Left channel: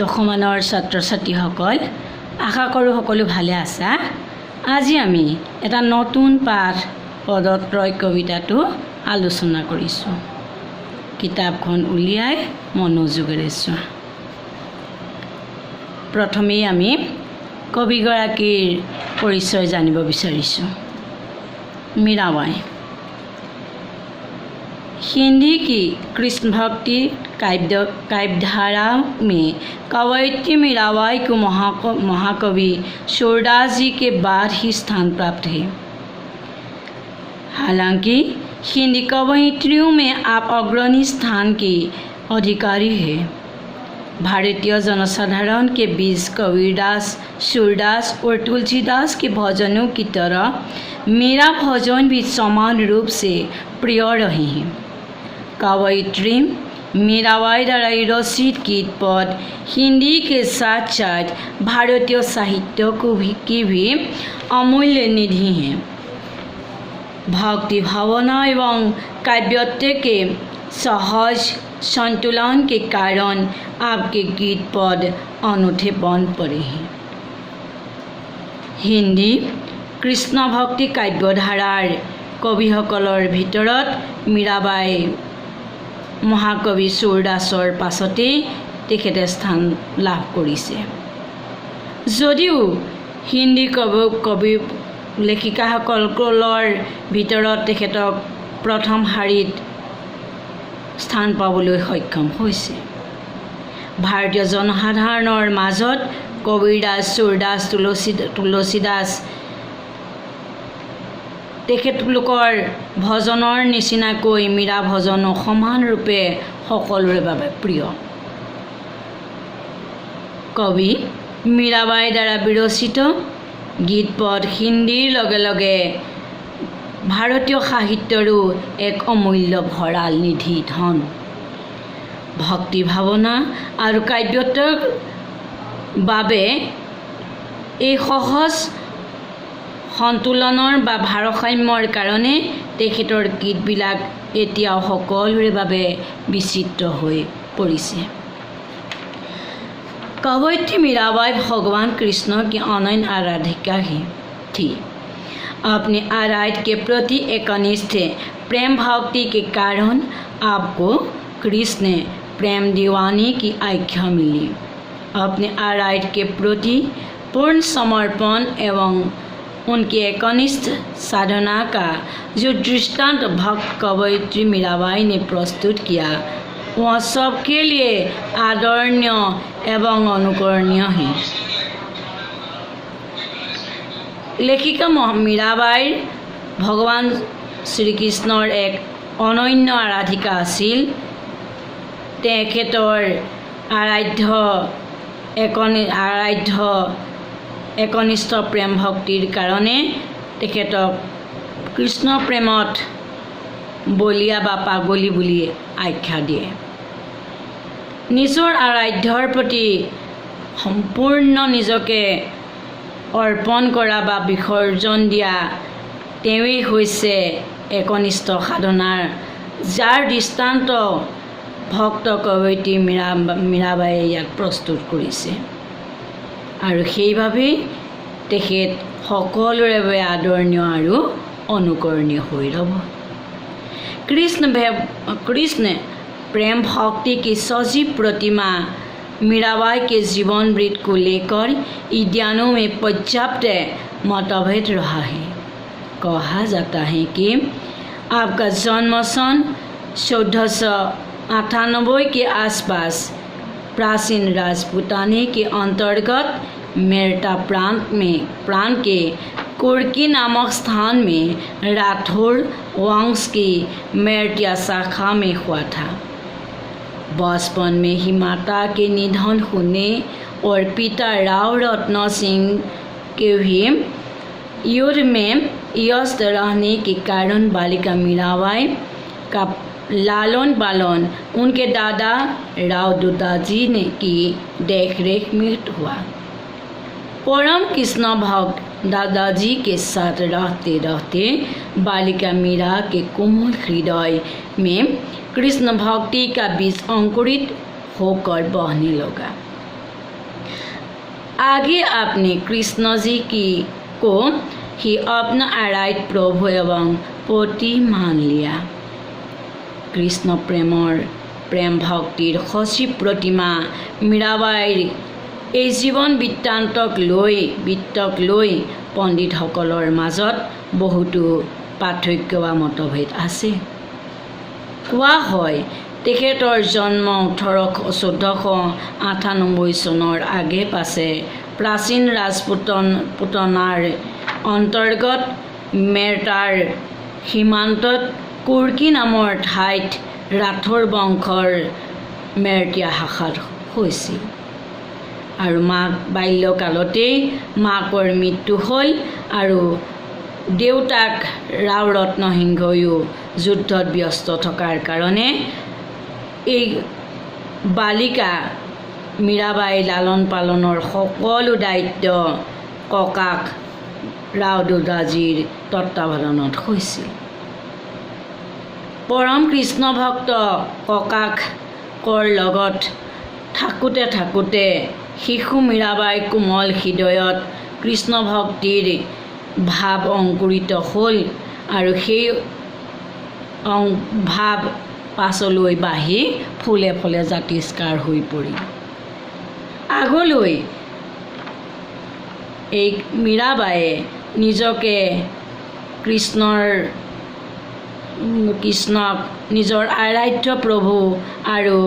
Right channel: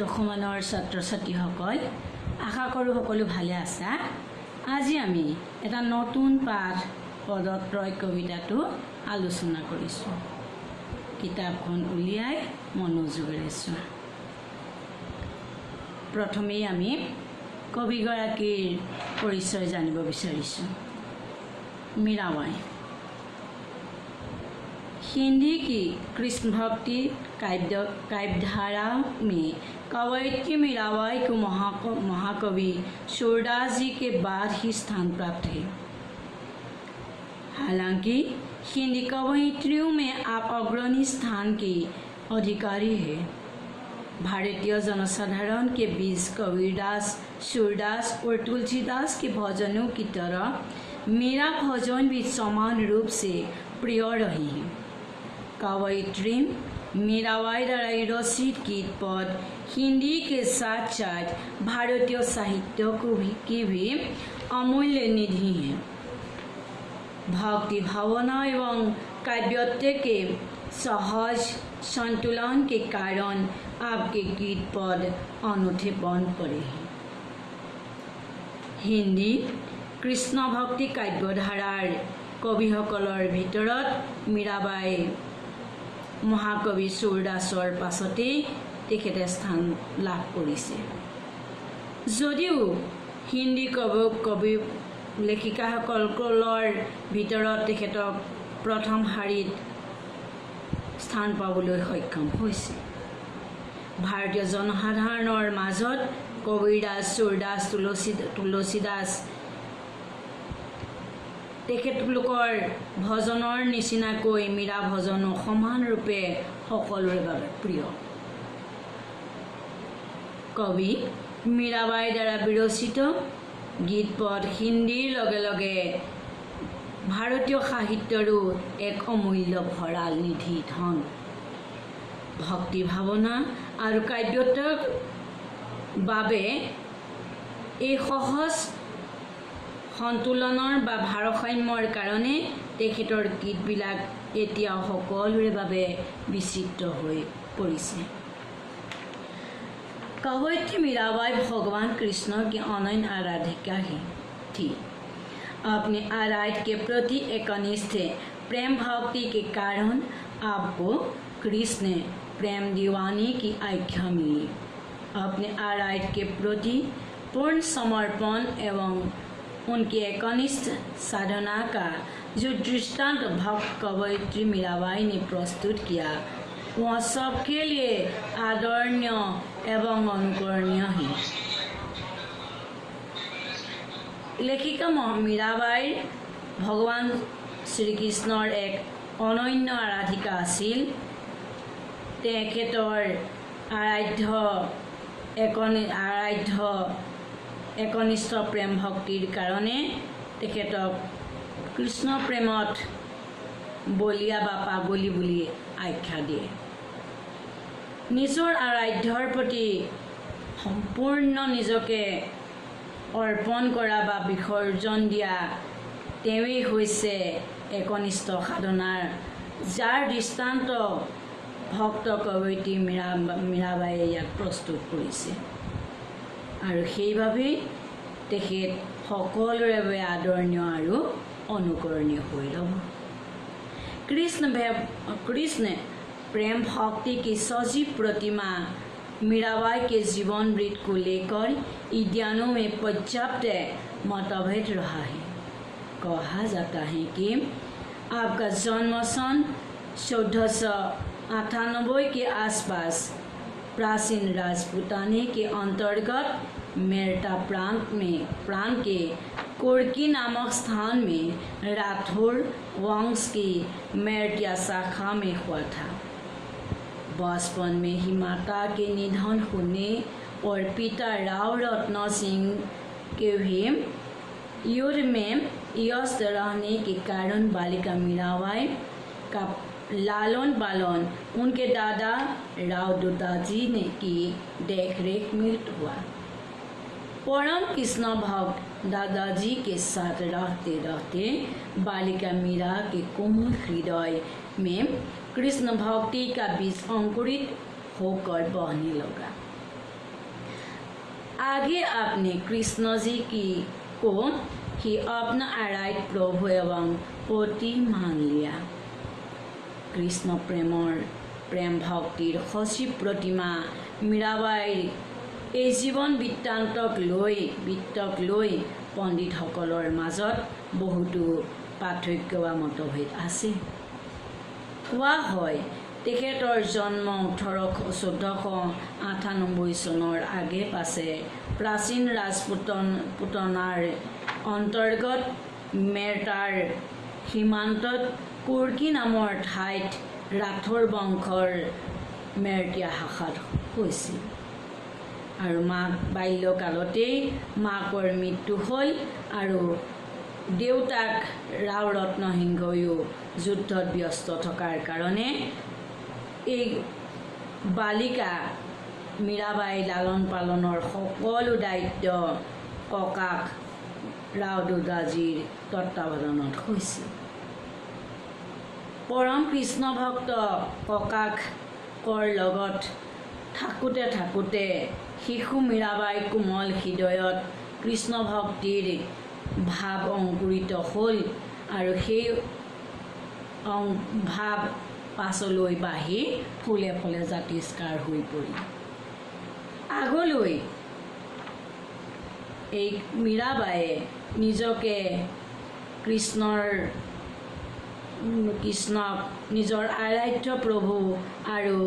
দশমানৰ ছাত্ৰ ছাত্ৰীসকল আশা কৰোঁ সকলো ভালে আছা। আজি আমি এটা নতুন পাঠ পদত্ৰয় কবিতাটো আলোচনা কৰিছোঁ। কিতাপখন উলিয়াই মনোযোগেৰে চোৱা। প্ৰথমেই আমি কবিগৰাকীৰ পৰিচয় জানিব বিচাৰিছোঁ। मीराबाई हिंदी की कृष्ण भक्ति काव्यधारा में कवयित्री मीराबाई को महाकवि सूरदास जी के बाद ही स्थान प्राप्त है। हालांकि हिंदी कवयित्रियों में आप अग्रणी स्थान के अधिकारी हैं। भारतीय जनसाधारण के बीच कबीरदास, सूरदास और तुलसीदास के भजनों की तरह मेरा भजन भी समान रूप से प्रिय रहे हैं। कवयित्री मीराबाई द्वारा रचित गीत पद हिंदी के साथ साथ भारतीय साहित्य की भी अमूल्य निधि हैं। भक्ति भावना एवं काव्यत्व के सहज संतुलन के कारण आपके गीत पद अनूठे बन पड़े हैं। हिंदी कृष्ण भक्ति काव्यधारार कविসকলৰ ভিতৰত मीराबाई महाकवि सूरदासৰ পাছতেই তেখেতে স্থান লাভ কৰিছে। যদিও হিন্দী কবি লেখিকাসকলৰ ভিতৰত তেখেতক প্ৰথম শাৰীত স্থান পাবলৈ সক্ষম হৈছে। ভাৰতীয় জনসাধাৰণৰ মাজত কবিৰদাস, सूरदास, তুলসীদাস তেখেতলোকৰ ভজনৰ নিচিনাকৈ মীৰা ভজনো সমান ৰূপে সকলোৰে বাবে প্ৰিয়। কবি मीराबाई দ্বাৰা বিৰচিত গীত পদ হিন্দীৰ লগে লগে ভাৰতীয় সাহিত্যৰো এক অমূল্য ভঁৰাল নিধি ধন। ভক্তি ভাৱনা আৰু কাব্যত্বৰ বাবে এই সহজ সন্তুলনৰ বা ভাৰসাম্যৰ কাৰণে তেখেতৰ গীতবিলাক এতিয়াও সকলোৰে বাবে বিচিত্ৰ হৈ পৰিছে। कवयित्री मीराबाई भगवान कृष्ण की अनन्य आराधिका ही थी। अपने आराध्य के प्रति एकनिष्ठ प्रेम भक्ति के कारण आपको कृष्ण प्रेम दीवानी की आख्या मिली। अपने आराध्य के प्रति पूर्ण समर्पण एवं उनकी एकनिष्ठ साधना का जो दृष्टांत भक्त कवयित्री मीराबाई ने प्रस्तुत किया वह सबके लिए आदरणीय एवं अनुकरणीय है। लेखिका मीराबाई भगवान श्रीकृष्णर एक अनन्य आराधिका आसिल। तेखेतर आराध्य एकनिष्ठ प्रेम भक्तिर कारणे तेखेतक कृष्ण प्रेमत बलिया बा पागली बुली आख्या दिए। निजर आराध्यर प्रति सम्पूर्ण निजके अर्पण करा बा विसर्जन दिया तेवेई होइसे एकनिष्ठ साधनार जार दृष्टान्त भक्त कवयित्री मीराबाई याक प्रस्तुत करिছে আৰু সেইভাবে তেখেত সকলোৰে বাবে আদৰণীয় আৰু অনুকৰণীয় হৈ ৰব। कृष्ण प्रेम भक्ति की सजीव प्रतिमा मीराबाई के जीवन वृत्त को लेकर ईद्यानों में पर्याप्त मतभेद रहा है। कहा जाता है कि आपका जन्म सन 1498 के आसपास प्राचीन राजपूताने के अंतर्गत मेरठ प्रांत के कुर्की नामक स्थान में राठौर वंश की मेरठिया शाखा में हुआ था। बचपन में ही माता के निधन होने और पिता राव रत्न सिंह के भी युद्ध में व्यस्त रहने के कारण बालिका मीराबाई का लालन पालन उनके दादा राव दुदाजी ने की देखरेख में हुआ। परम कृष्ण भक्त दादाजी के साथ रहते रहते बालिका मीरा के कोमल हृदय में कृष्ण भक्ति का बीज अंकुरित होकर बहने लगा। आगे आपने कृष्ण जी को ही अपना आराध्य प्रभु एवं पति मान लिया। कृष्ण प्रेम भक्तिर सचिव प्रतिमा मीराबाईर এই জীবন বৃত্তান্তক লৈ পণ্ডিতসকলৰ মাজত বহুতো পাৰ্থক্য বা মতভেদ আছে। কোৱা হয় তেখেতৰ জন্ম 1498 চনৰ আগে পাছে প্ৰাচীন ৰাজপুতনাৰ অন্তৰ্গত মেৰটাৰ সীমান্তত কুৰ্কী নামৰ ঠাইত ৰাথোৰ বংশৰ মেৰটীয়া শাখাত হৈছিল আৰু মাক বাল্যকালতেই মাকৰ মৃত্যু হ'ল আৰু দেউতাক ৰাও ৰত্নসিংহয়ো যুদ্ধত ব্যস্ত থকাৰ কাৰণে এই বালিকা মীৰাবাই লালন পালনৰ সকলো দায়িত্ব ককাক ৰাও দুদাজীৰ তত্ত্বাৱধানত হৈছিল। পৰম কৃষ্ণ ভক্ত ককাকৰ লগত থাকোঁতে শিশু মীৰাবাই কোমল হৃদয়ত কৃষ্ণ ভক্তিৰ ভাৱ অংকুৰিত হ'ল আৰু সেই ভাৱ পাছলৈ বাঢ়ি ফুলে ফুলে জাতিষ্কাৰ হৈ পৰিল। আগলৈ এই মীৰাবাইয়ে নিজকে কৃষ্ণক নিজৰ আৰাধ্য প্ৰভু আৰু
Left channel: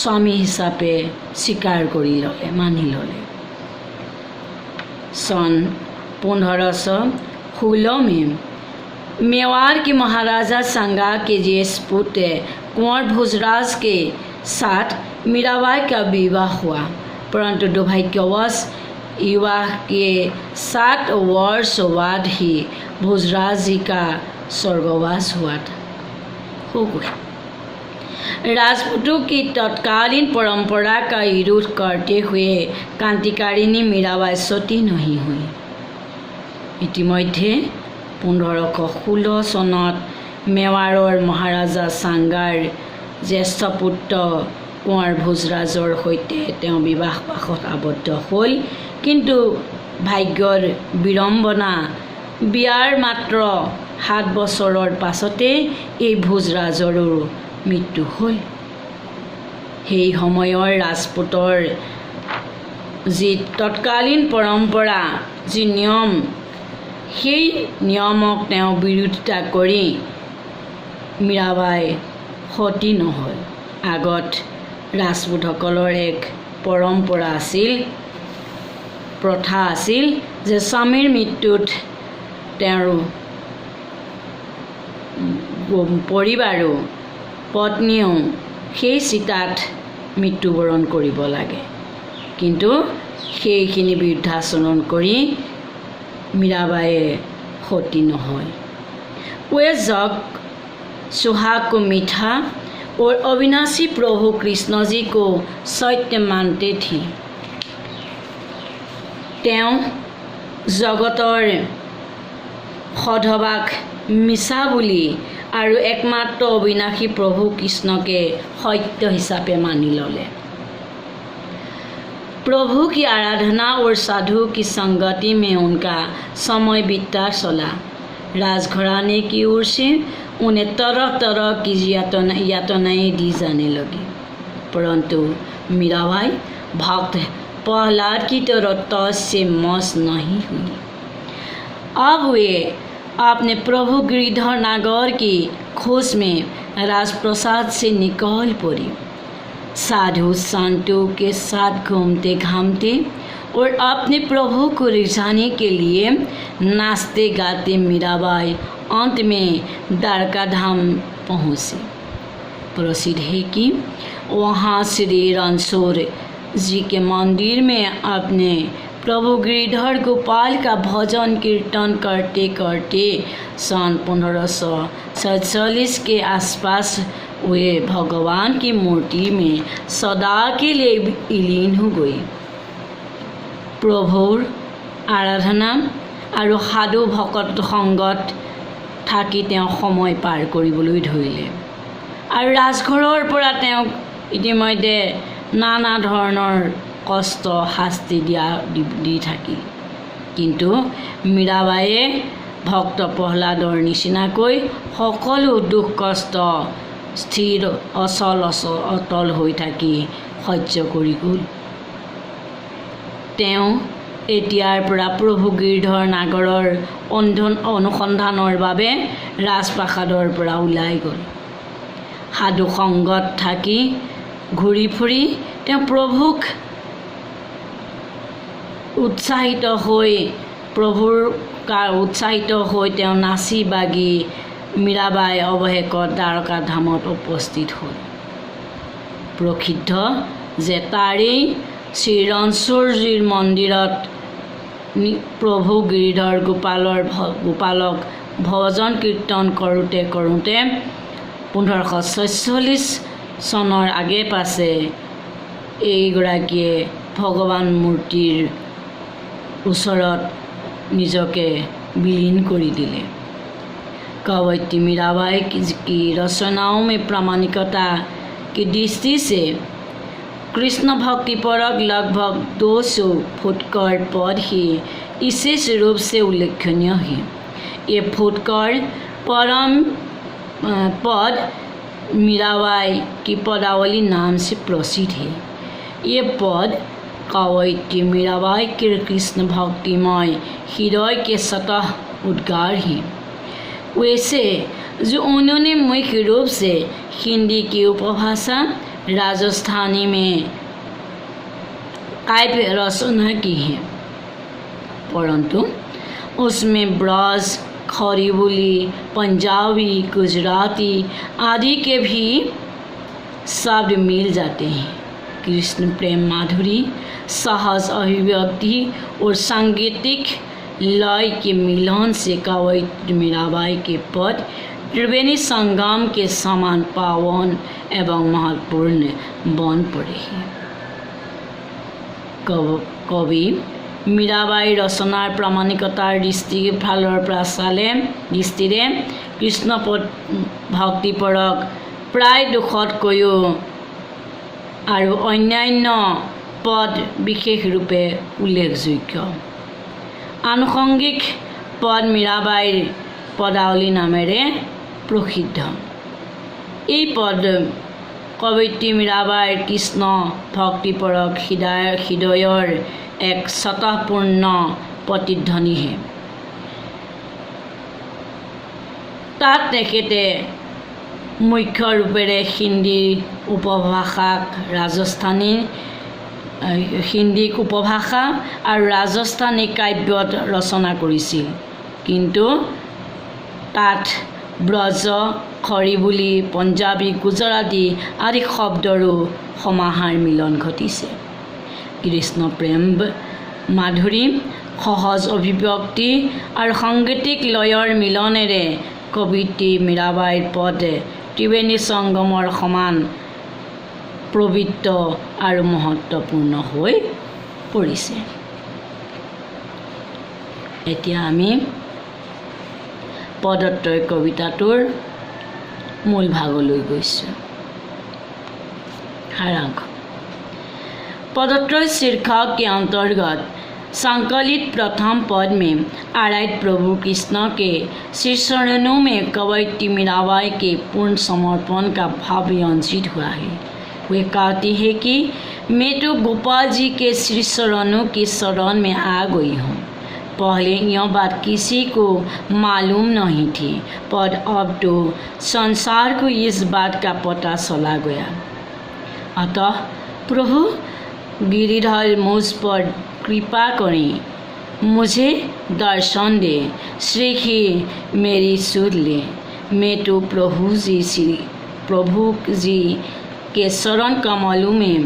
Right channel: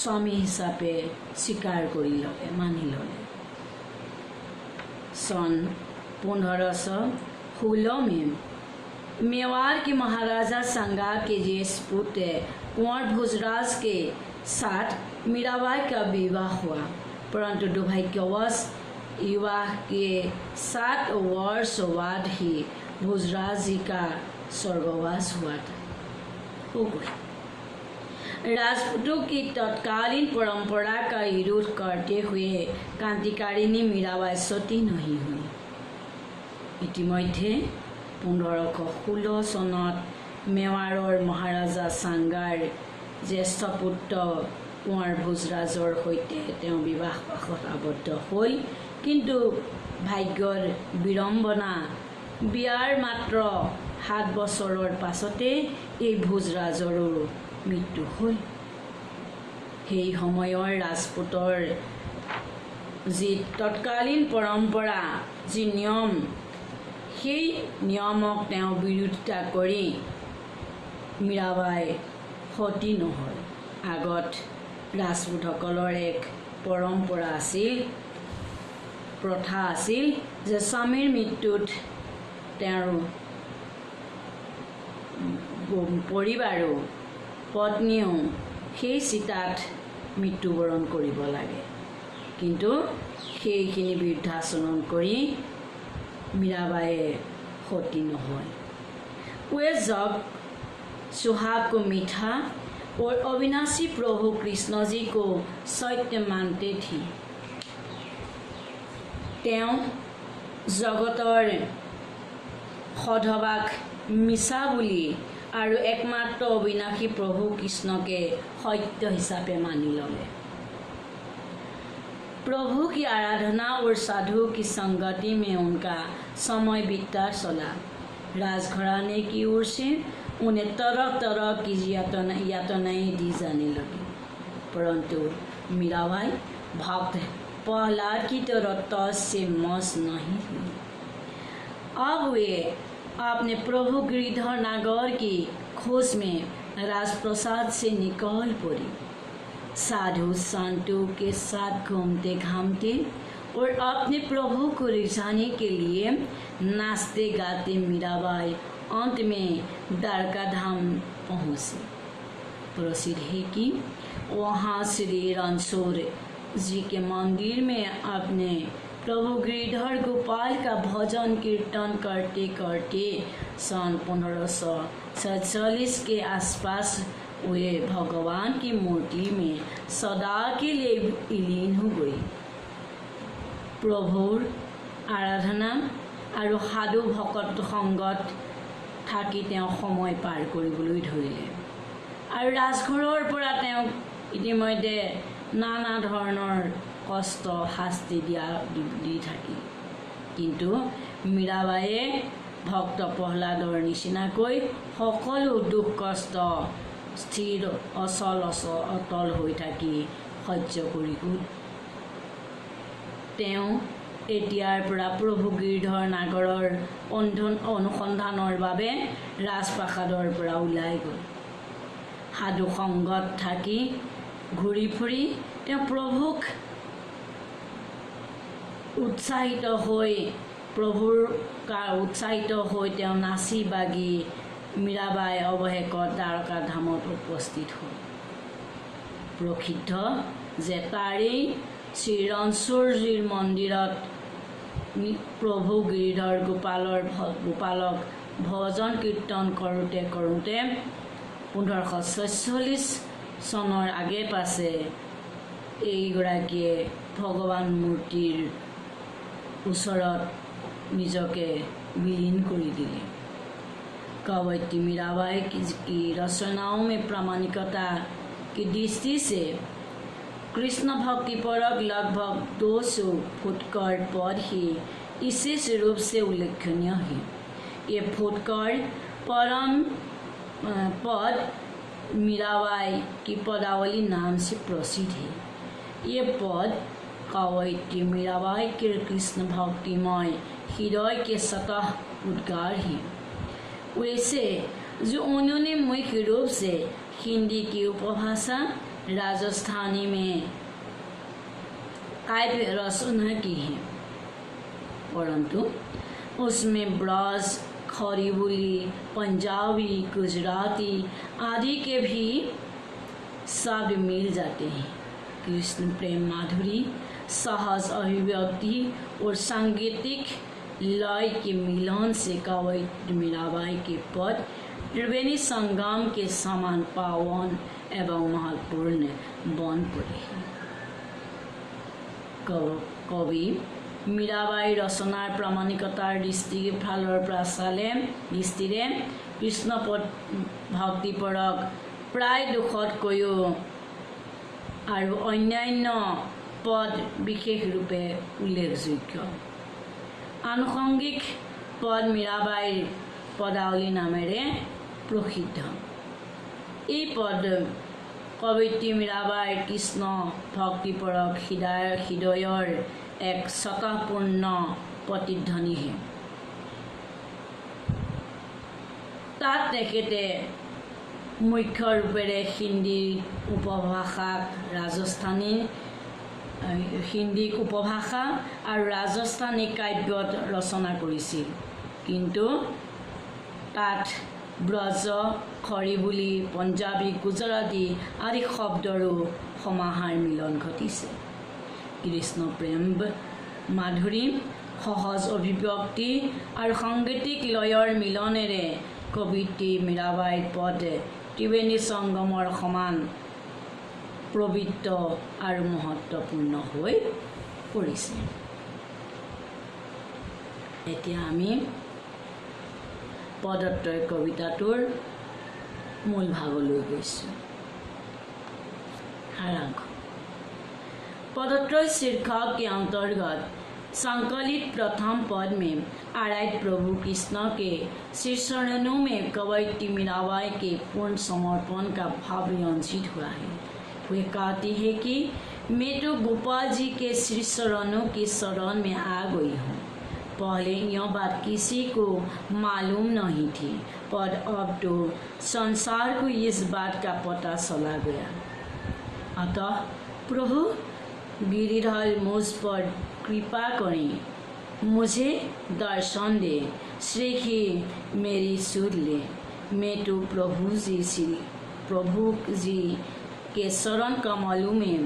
স্বামী হিচাপে স্বীকাৰ কৰি ল'লে, মানি ল'লে। सन 1516 में मेवाड़ के महाराजा संगा के ज्येष्ठ पुत्र कुंवर भोजराज के साथ मीराबाई का विवाह हुआ, परंतु दुर्भाग्यवश विवाह के 7 वर्ष बाद ही भोजराज जी का स्वर्गवास हुआ था। राजपूतों की तत्कालीन परंपरा का विरोध करते हुए क्रांतिकारिणी मीराबाई सती नहीं हुई। इतिमध्ये 1516 চনত মেৱাৰৰ মহাৰাজা সাংগাৰ জ্যেষ্ঠ পুত্ৰ কুঁৱাৰ ভোজৰাজৰ সৈতে তেওঁ বিবাহপাশত আবদ্ধ হ'ল, কিন্তু ভাগ্যৰ বিড়ম্বনা বিয়াৰ মাত্ৰ 7 বছৰৰ পাছতে এই ভোজৰাজৰো মৃত্যু হ'ল। সেই সময়ৰ ৰাজপুতৰ যি তৎকালীন পৰম্পৰা, যি নিয়ম, সেই নিয়মক তেওঁ বিৰোধিতা কৰি মীৰাবাই সতী নহ'ল। আগত ৰাজপুতসকলৰ এক পৰম্পৰা আছিল, প্ৰথা আছিল যে স্বামীৰ মৃত্যুত তেওঁৰ পৰিবাৰো পত্নীয়েও সেই চিতাত মৃত্যুবৰণ কৰিব লাগে, কিন্তু সেইখিনি বিৰুদ্ধাচৰণ কৰি मीराबाई होती न हो। वे जग सुहाग को मीठा और अविनाशी प्रभु कृष्ण जी को सत्य मानते थी। তেওঁ জগতৰ সধবাক মিছা বুলি আৰু একমাত্ৰ অবিনাশী প্ৰভু কৃষ্ণকে সত্য হিচাপে মানি ল'লে। प्रभु की आराधना और साधु की संगति में उनका समय बीतता चला। राजघराने की ओर से उन्हें तरह तरह की यातनाएं दी जाने लगी, परंतु मीराबाई भक्त प्रहलाद की तरह तज से मस नहीं हुई। अब वे अपने प्रभु गिरिधर नागर की खोज में राजप्रसाद से निकल पड़ी। साधु संतों के साथ घूमते घामते और अपने प्रभु को रिझाने के लिए नाचते गाते मीराबाई अंत में द्वारका धाम पहुँची। प्रसिद्ध है कि वहाँ श्री रणछोड़ जी के मंदिर में अपने प्रभु गिरिधर गोपाल का भजन कीर्तन करते करते सन 1547 के आसपास वे भगवान की मूर्ति में सदा के लिए विलीन हो गई। प्रभुर आराधना और साधु भक्त संगत থাকি তেওঁ সময় পাৰ কৰিবলৈ ধৰিলে আৰু ৰাজঘৰৰ পৰা তেওঁ ইতিমধ্যে নানা ধৰণৰ কষ্ট শাস্তি দি থাকিল। কিন্তু মীৰাবাইয়ে ভক্ত প্ৰহ্লাদৰ নিচিনাকৈ সকলো দুখ কষ্ট স্থিৰ অটল হৈ থাকি সহ্য কৰি গ'ল। তেওঁ এতিয়াৰ পৰা প্ৰভু গিৰিধৰ নাগৰৰ অনুসন্ধানৰ বাবে ৰাজপ্ৰাসাদৰ পৰা ওলাই গ'ল। সাধু সংগত থাকি ঘূৰি ফুৰি তেওঁ প্ৰভুক উৎসাহিত হৈ তেওঁ নাচি বাগি মীৰাবাই অৱশেষত দ্বাৰকা ধামত উপস্থিত হ'ল। প্ৰসিদ্ধ যে তাৰেই শ্ৰীৰণচুৰজীৰ মন্দিৰত প্ৰভু গিৰিধৰ গোপালক ভজন কীৰ্তন কৰোঁতে 1546 চনৰ আগে পাছে এইগৰাকীয়ে ভগৱান মূৰ্তিৰ ওচৰত নিজকে বিলীন কৰি দিলে। कवयित्री मीराबाई की रचनाओं में प्रामाणिकता की दृष्टि से कृष्ण भक्ति परक लगभग 200 फुटकर पद ही विशेष रूप से उल्लेखनीय है। ये फुटकर परम पद मीराबाई की पदावली नाम से प्रसिद्ध है। ये पद कवयित्री मीराबाई के कृष्ण भक्तिमय हृदय के सतह उद्गार हैं। वैसे जो उन्होंने मुख्य रूप से हिंदी की उपभाषा राजस्थानी में काव्य रचना की है, परंतु उसमें ब्रज, खड़ी बोली, पंजाबी, गुजराती आदि के भी शब्द मिल जाते हैं। कृष्ण प्रेम माधुरी, सहज अभिव्यक्ति और सांगीतिक लय के मिलन से कवयित्री मीराबाई के पद त्रिवेणी संगम के समान पावन एवं महत्वपूर्ण बन पड़े हैं। कवि मीराबाई रचनार प्रामाणिकतार दृष्टिरे कृष्ण भक्तिपरक प्राय 200तकैও और अन्यान्य पद विशेष रूपे उल्लेखযোग्য। आनुषंगिक पद मीराबाईर पदावली नामेरे प्रसिद्ध। এই पद कवयित्री मीराबाईर कृष्ण भक्तिपरक हृदयर एक स्वतःपूर्ण प्रतिध्वनि है। তাত তেখেতে মুখ্য ৰূপেৰে হিন্দী উপভাষা আৰু ৰাজস্থানী কাব্যত ৰচনা কৰিছিল, কিন্তু তাত ব্ৰজ, খৰি বুলি, পঞ্জাবী, গুজৰাটী আদি শব্দৰো সমাহাৰ মিলন ঘটিছে। কৃষ্ণ প্ৰেম মাধুৰী, সহজ অভিব্যক্তি আৰু সাংগীতিক লয়ৰ মিলনেৰে কবিত্ৰী মীৰাবাইৰ পদ ত্ৰিবেণী সংগমৰ সমান পবিত্ৰ আৰু মহত্বপূৰ্ণ হৈ পৰিছে। এতিয়া আমি পদত্ৰয় কবিতাটোৰ মূল ভাগলৈ গৈছোঁ। सारांश। पदत्रय शीर्षक के अंतर्गत संकलित प्रथम पद में आराध्य प्रभु कृष्ण के श्री चरणों में कवयित्री मीराबाई के पूर्ण समर्पण का भाव व्यंजित हुआ है। वे कहती है कि मैं तो गोपाल जी के श्री चरणों की शरण में आ गई हूँ। पहले यह बात किसी को मालूम नहीं थी, पर अब तो संसार को इस बात का पता चला गया। अतः प्रभु गिरिधर मुझ पर कृपा करें, मुझे दर्शन दे, श्री ही मेरी सुध ले। मैं तो प्रभु जी के शरण कमलों में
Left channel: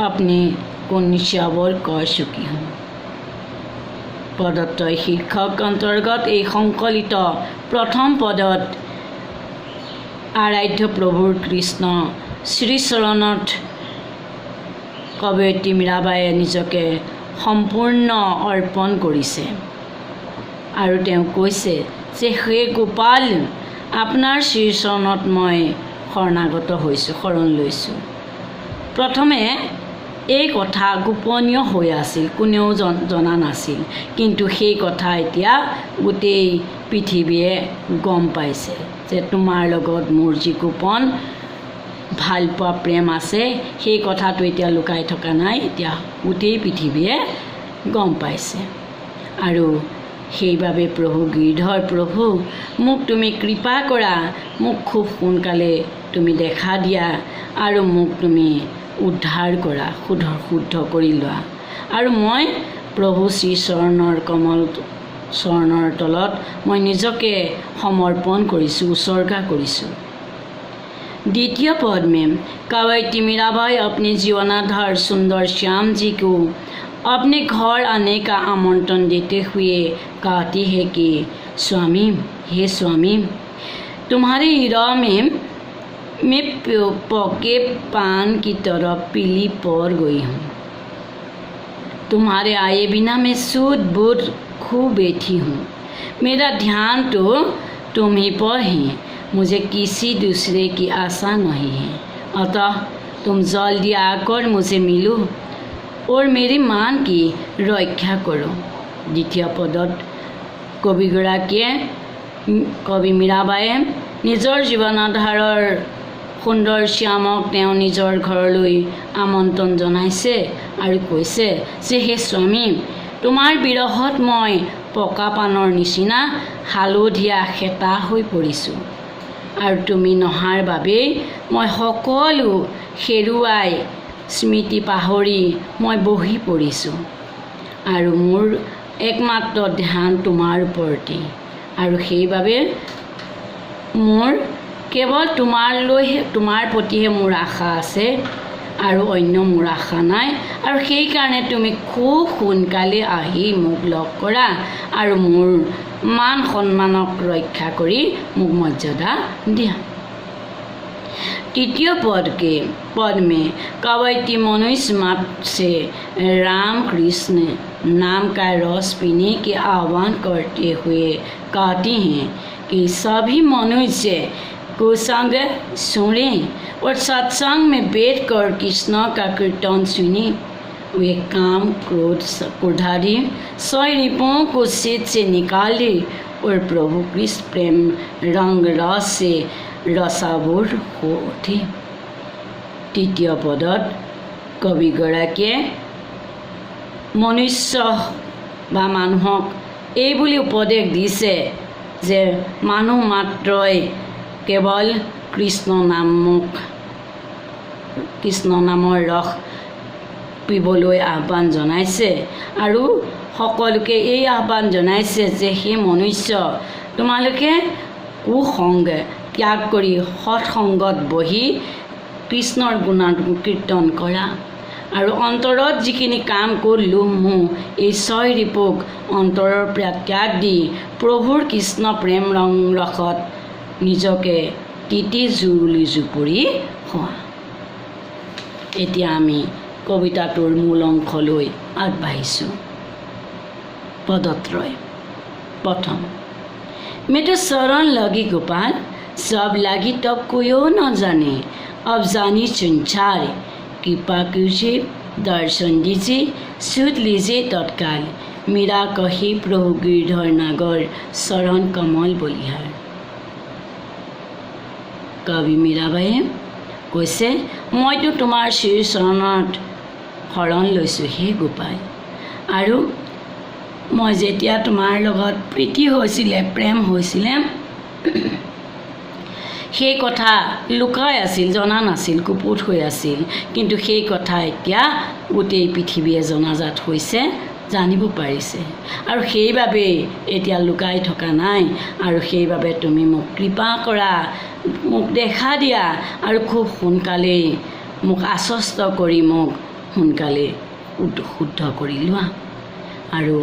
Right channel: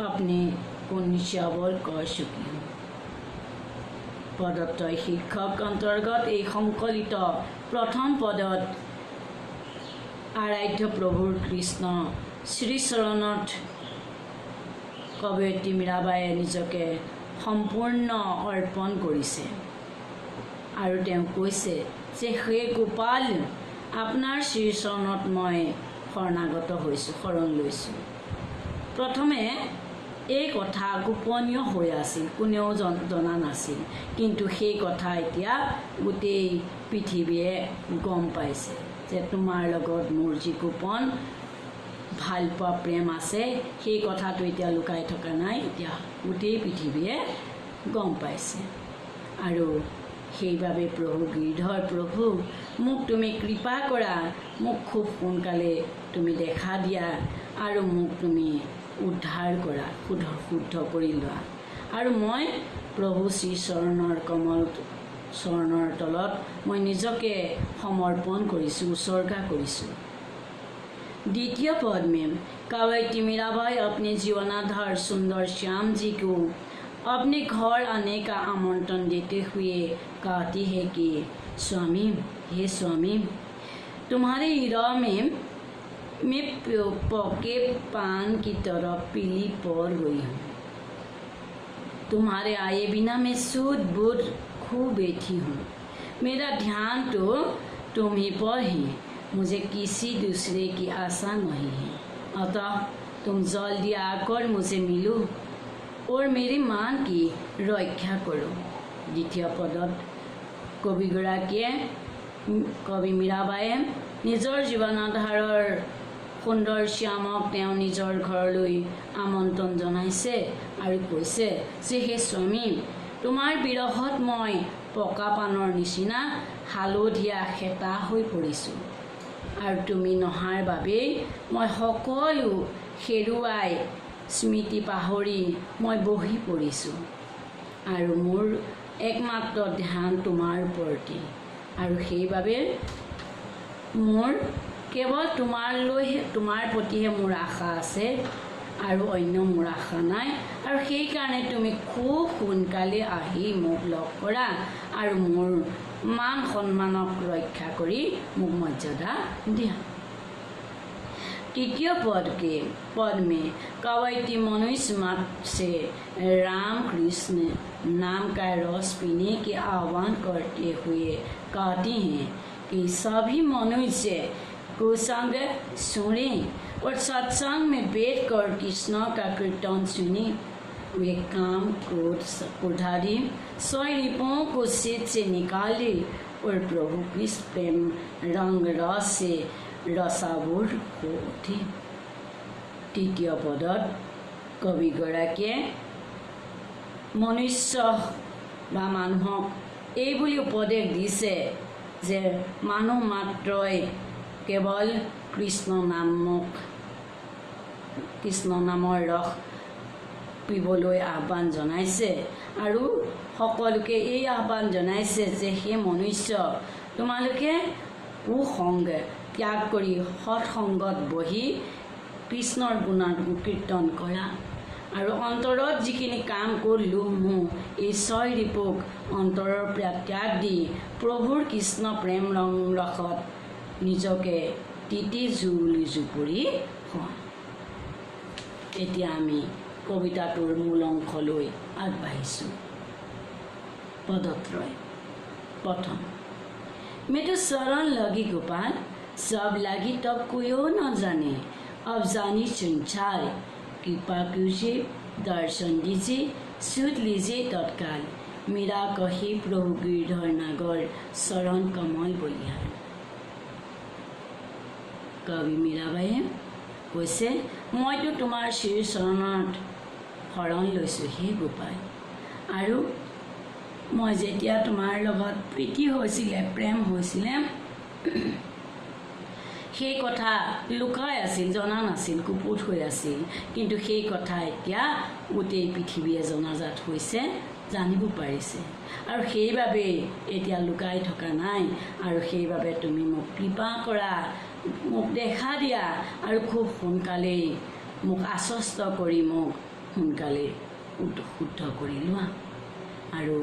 अपने को निश्चय कर चुकी हूँ। पदत्रय शीर्षक अंतर्गत एक संकलित प्रथम पदत आराध्य प्रभुर कृष्ण श्रीचरणत कवयित्री मीराबाईয়ে নিজকে সম্পূৰ্ণ অৰ্পণ কৰিছে আৰু তেওঁ কৈছে যে হে গোপাল, আপোনাৰ শ্ৰীচৰণত মই শৰণাগত হৈছোঁ, শৰণ লৈছোঁ। প্ৰথমে এই কথা গোপনীয় হৈ আছিল, কোনেও জনা নাছিল। কিন্তু সেই কথা এতিয়া গোটেই পৃথিৱীয়ে গম পাইছে যে তোমাৰ লগত মোৰ যি গোপন ভালপোৱা প্ৰেম আছে সেই কথাটো এতিয়া লুকাই থকা নাই, এতিয়া গোটেই পৃথিৱীয়ে গম পাইছে। আৰু সেইবাবে প্ৰভু গিৰিধৰ প্ৰভু, মোক তুমি কৃপা কৰা, মোক খুব সোনকালে তুমি দেখা দিয়া আৰু মোক তুমি উদ্ধাৰ কৰা, শুদ্ধ কৰি লোৱা। আৰু মই প্ৰভু শ্ৰী চৰণৰ কমল চৰণৰ তলত মই নিজকে সমৰ্পণ কৰিছোঁ, উৎসৰ্গা কৰিছোঁ। द्वितीय पद में कवयित्री मीराबाई अपने जीवनाधार सुंदर श्याम जी को अपने घर आने का आमंत्रण देते हुए कहती है कि स्वामी, हे स्वामी, तुम्हारे हृदय में मैं पके पान की तरह पीली पड़ गई हूँ। तुम्हारे आए बिना मैं सूद बूद खो बैठी हूँ। मेरा ध्यान तो तुम ही पर है, मुझे किसी दूसरे की आशा नहीं है। अतः तुम जल्दी आकर मुझे मिलो और मेरी मान की रक्षा करो। द्वितीय पदत कवि मीराबाईয়ে নিজৰ জীৱনাধাৰৰ সুন্দৰ শ্যামক তেওঁ নিজৰ ঘৰলৈ আমন্ত্ৰণ জনাইছে আৰু কৈছে যে হে স্বামী, তোমাৰ বিৰহত মই পকা পানৰ নিচিনা হালধীয়া খেতা হৈ পৰিছোঁ। আৰু তুমি নহাৰ বাবেই মই সকলো হেৰুৱাই স্মৃতি পাহৰি মই বহি পৰিছোঁ। আৰু মোৰ একমাত্ৰ ধ্যান তোমাৰ ওপৰতে। আৰু সেইবাবে মোৰ কেৱল তোমাৰ প্ৰতিহে মোৰ আশা আছে আৰু অন্য মোৰ আশা নাই। আৰু সেইকাৰণে তুমি খুব সোনকালে আহি মোক লগ কৰা আৰু মোৰ মান সন্মানক ৰক্ষা কৰি মোক মৰ্যাদা দিয়া। तृतीय पद में कवयित्री मनुष्य मात्र से राम कृष्ण नाम का रस पीने के आह्वान करते हुए कहती हैं कि सभी मनुष्य कुसंग सुने और सत्संग में बैठकर कृष्ण का कीर्तन सुने। वे काम क्रोध क्रोधादि सरिपों को शीत से निकाले और प्रभु कृष्ण प्रेम रंग रस से रसाबोर हो उठे। तृतीय पदत कविगराकीয়ে मनुष्य বা মানুহক এই বুলি উপদেশ দিছে যে মানুহ মাত্ৰই কেৱল কৃষ্ণ নামৰ ৰস পিবলৈ আহ্বান জনাইছে আৰু সকলোকে এই আহ্বান জনাইছে যে হে মনুষ্য, তোমালোকে কুসংগ ত্যাগ কৰি সৎসংগত বহি কৃষ্ণৰ গুণাগুণ কীৰ্তন কৰা আৰু অন্তৰত যিখিনি কাম কৰিলো মোৰ এই ছয় ৰিপুক অন্তৰৰ পৰা ত্যাগ দি প্ৰভুৰ কৃষ্ণ প্ৰেম ৰসত নিজকে তিতি জুৰুলি জুপুৰি হোৱা। এতিয়া আমি কবিতাটোৰ মূল অংশলৈ আগবাঢ়িছোঁ। পদত্ৰয়। প্ৰথম, मैं तो शरण लगी गोपाल, सब लगी तब कोई न जाने, अब जानी संसार, कृपा कीजिए दर्शन दीजिए, सुध लीजिए तत्काल, मेरा कही प्रभु गिरधर नागर शरण कमल बलिहार। कवि मीराबाईয়ে কৈছে, মইতো তোমাৰ শ্ৰী চৰণত শৰণ লৈছোঁ হে গোপাল, আৰু মই যেতিয়া তোমাৰ লগত প্ৰীতি হৈছিলে, প্ৰেম হৈছিলে, সেই কথা লুকাই আছিল, জনা নাছিল, কুপুত হৈ আছিল। কিন্তু সেই কথা এতিয়া গোটেই পৃথিৱীয়ে জনাজাত হৈছে, জানিব পাৰিছে। আৰু সেইবাবে এতিয়া লুকাই থকা নাই। আৰু সেইবাবে তুমি মোক কৃপা কৰা, মোক দেখা দিয়া আৰু খুব সোনকালেই মোক আশ্বস্ত কৰি মোক সোনকালে শুদ্ধ কৰি লোৱা। আৰু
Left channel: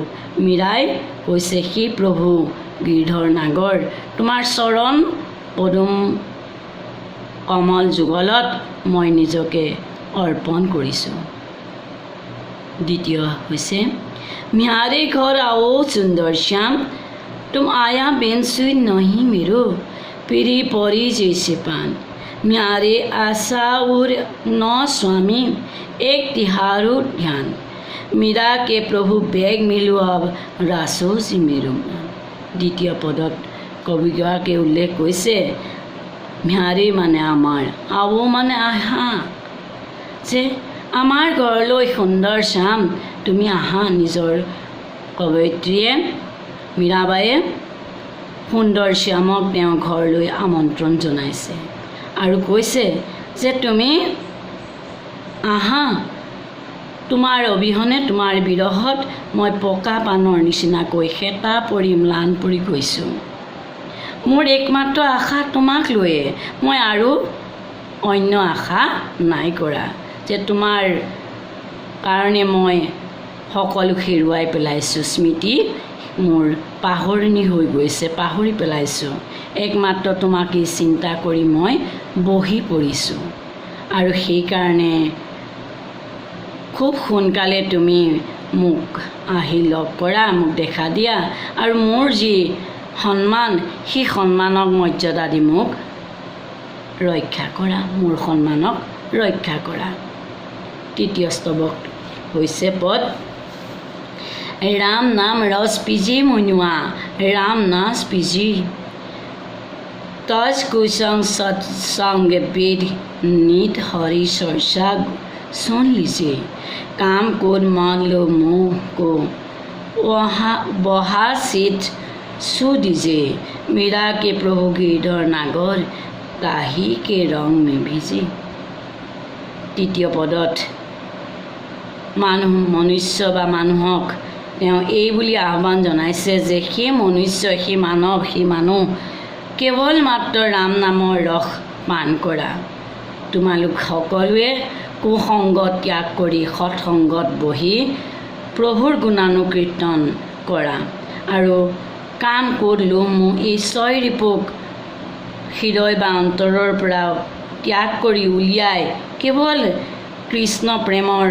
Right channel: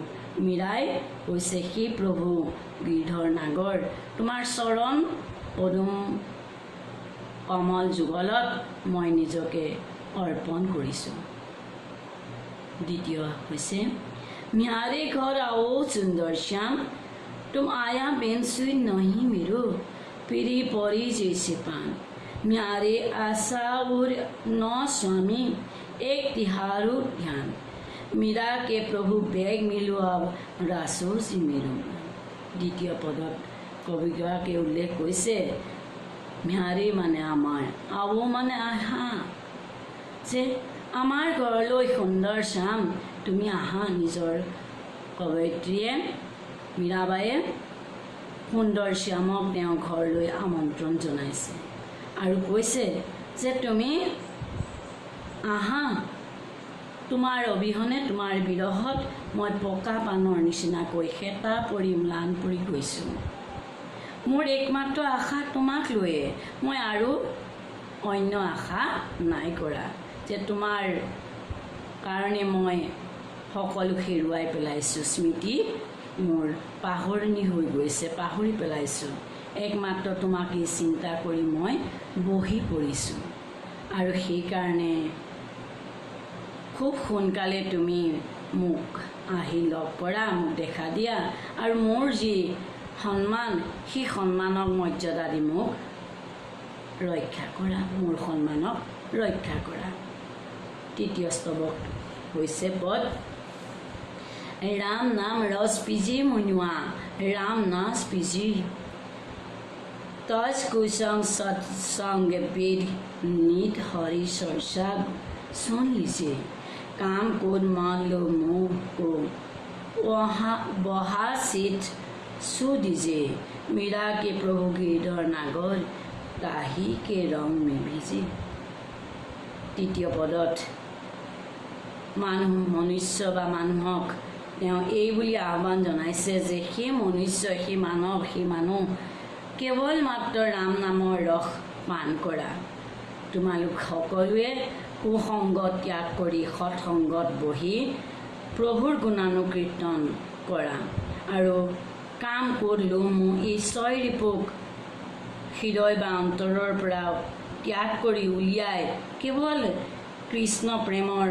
মীৰাই কৈছে, সেই প্ৰভু গিৰধৰ নাগৰ, তোমাৰ চৰণ পদুম কমল যুগলত মই নিজকে অৰ্পণ কৰিছোঁ। দ্বিতীয় হৈছে, म्यारे घर आओ सुंदर श्याम, तुम आया बेन सुई नहीं मेरो, पीरी परी जैसे पान, म्यारे आशा और नौ स्वामी एक तिहारो ध्यान मीरा के प्रभु बेग मिलो अब रासो जी मेरो मान। द्वितीय पदत कविगৰাকীয়ে উল্লেখ কৰিছে म्यारे माने आमार आवो माने आहा जे आमार घरলৈ सुंदर श्याम तुमी आहा। निजर कवयित्रीয়ে मीराबाईয়ে सुंदर श्यामक তেওঁ ঘৰলৈ আমন্ত্ৰণ জনাইছে আৰু কৈছে যে তুমি আহা, তোমাৰ অবিহনে তোমাৰ বিৰহত মই পকা পানৰ নিচিনাকৈ হেতা পৰি ম্লান পৰি গৈছোঁ। মোৰ একমাত্ৰ আশা তোমাক লৈয়ে, মই আৰু অন্য আশা নাই কৰা যে তোমাৰ কাৰণে মই সকলো হেৰুৱাই পেলাইছোঁ। স্মৃতি মোৰ পাহৰণি হৈ গৈছে, পাহৰি পেলাইছোঁ। একমাত্ৰ তোমাকেই চিন্তা কৰি মই বহি পৰিছোঁ আৰু সেইকাৰণে খুব সোনকালে তুমি মোক আহি লগ কৰা, মোক দেখা দিয়া আৰু মোৰ যি সন্মান সেই সন্মানক মৰ্যাদা দি মোক ৰক্ষা কৰা, মোৰ সন্মানক ৰক্ষা কৰা। তৃতীয় স্তৱক হৈছে পদ राम नाम रस पीजी मुनुआ राम नास पीजी तज कुसंग सत्संग वेद नित हरि चर्चा सुन लीजिए। काम क्रोध मान लो मोह को बहा सीट सू दीजिए। मीरा के प्रभु गिरधर नागर ताही के रंग में भीजे। तृतीय पदत मनुष्य बा मानुहक তেওঁ এই বুলি আহ্বান জনাইছে যে সেই মনুষ্য, সেই মানুহ কেৱল মাত্ৰ ৰাম নামৰ ৰস পান কৰা। তোমালোক সকলোৱে কুসংগত ত্যাগ কৰি সৎসংগত বহি প্ৰভুৰ গুণানুকীৰ্তন কৰা আৰু কাম ক্ৰোধ লোভ মোহ এই ছয় ৰিপুক হৃদয় বা অন্তৰৰ পৰা ত্যাগ কৰি উলিয়াই কেৱল কৃষ্ণ প্ৰেমৰ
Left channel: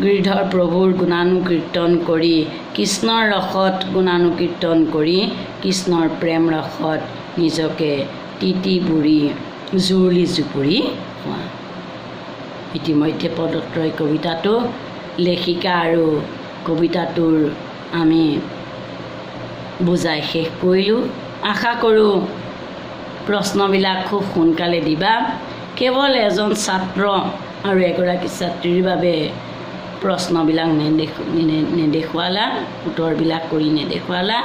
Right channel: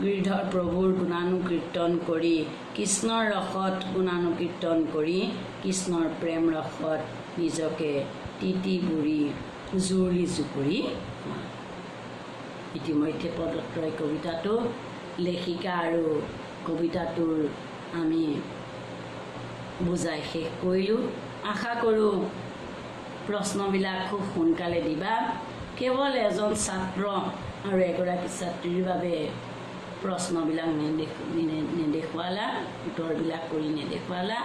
গিৰিধৰ প্ৰভুৰ গুণানুকীৰ্তন কৰি কৃষ্ণৰ ৰসত গুণানুকীৰ্তন কৰি কৃষ্ণৰ প্ৰেম ৰসত নিজকে তিতি বুৰি জুৰুলি জুপুৰি হোৱা। ইতিমধ্যে পদত্ৰয় কবিতাটো লেখিকা আৰু কবিতাটোৰ আমি বুজাই শেষ কৰিলোঁ। আশা কৰোঁ প্ৰশ্নবিলাক খুব সোনকালে দিবা। কেৱল এজন ছাত্ৰ আৰু এগৰাকী ছাত্ৰীৰ বাবে প্ৰশ্নবিলাক নেদেখুৱালা, উত্তৰবিলাক কৰি নেদেখুৱালা।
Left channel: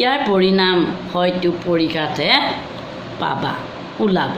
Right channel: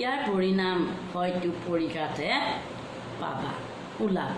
ইয়াৰ পৰিণাম হয়তো পৰীক্ষাতে পাবা, ওলাব।